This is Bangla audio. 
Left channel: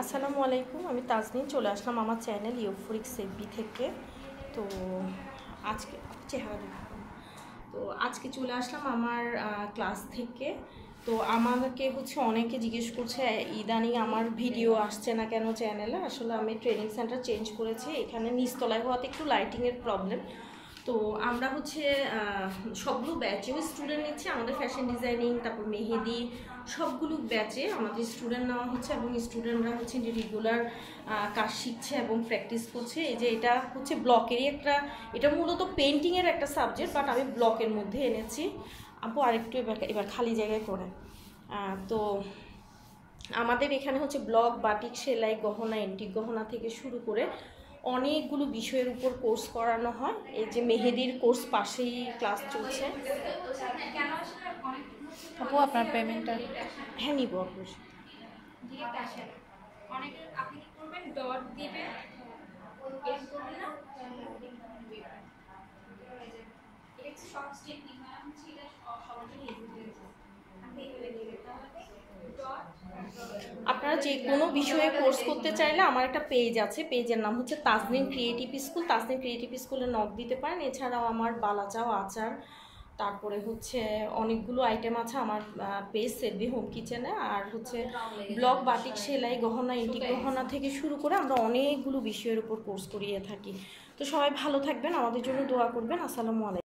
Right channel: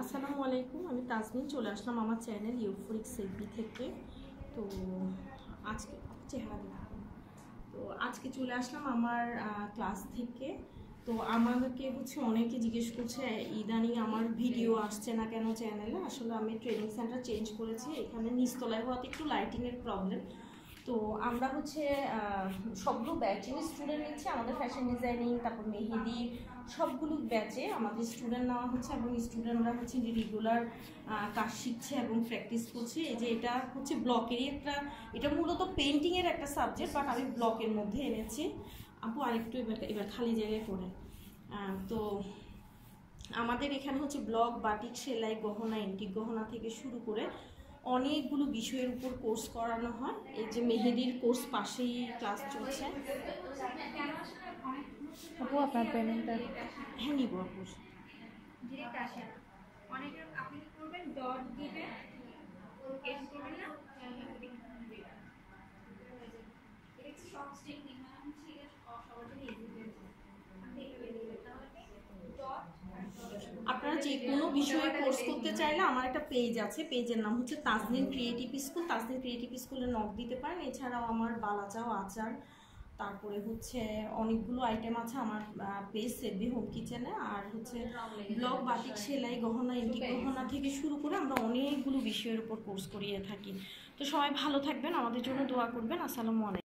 আসসালামু আলাইকুম, আমি তাজনীন চলে আসলাম আমার চ্যানেল ইউফোরিক সেফবি থেকে। তো আজকে চেহারা দেখুন। তো আজকে চলে আসলাম আমার ক্লাস থেকে। তো আমাকে অনেকে জিজ্ঞেস করছে ইদানিং আমার ভিডিও আসছে না কেন চ্যানেলে। আসলে আমি ট্রেনিং সেন্টার চেঞ্জ করেছি, এখানে নিচতলায় হওয়াতে একটু লাইটিংয়ের প্রবলেম। তো আমরা সবগুলো ব্যাচেও স্টুডেন্ট নিচ্ছি, আমাদের ফ্যাশন ডিজাইনিং, তারপর মেহেদি, সবগুলো ব্যাচে আমাদের স্টুডেন্ট নেওয়া হচ্ছে এবং স্টুডেন্টরা রেগুলার কাজ শিখছে এবং প্র্যাকটিস করছে। এই যে এটা ব্লকেরই এটা মূলত পেন্টিংয়ের একটা সাবজেক্ট, বাট আমি ব্লকের মধ্যে এনেছি। আপু আরেকটু এবার খালি জায়গায় করেন। তো আমাদের এখানে ব্লক, বাটিক, সেলাই, গহনা, এন্টিক গহনা থেকে শুরু করে অনেকগুলো বিষয়ের উপর কোর্স করানো হয়। এই যে মেহেদির কোর্স পাশেই ক্লাস চলছে। আপু আপনার পেমেন্টটা হ্যাঁ নিব আপু। আপনি কি করবেন, ডট দিবেন, এড করবেন না, এটা সব টেকনিক না, এটা সবার জন্য ইজি হয়েছে। আপনি এভাবে দিবেন, তাহলে আপনারা যে কোনো বিষয়ে কোর্স করতে চাইলে আমার একটা পেজ আছে, পেজের নাম তাজনীন ক্রিয়েটিভ স্কুল। তাজনীন ক্রিয়েটিভ স্কুলে নক দিতে পারেন। এছাড়াও আমার বালাচাও, আচার, তারপরে অনেকগুলো আইটেম আছে আমার পেজ সেভবি হোম কিচেনে। আর ব্লক, বাটিক, সেলাই, গহনা, এন্টিক গহনা থেকে শুরু করে আমরা অনেকগুলো বিষয়ের উপর কোর্স করিয়ে থাকি। তো সবাই ভালো থাকবেন, আমাদের জন্য দোয়া করবেন। আসসালামু আলাইকুম।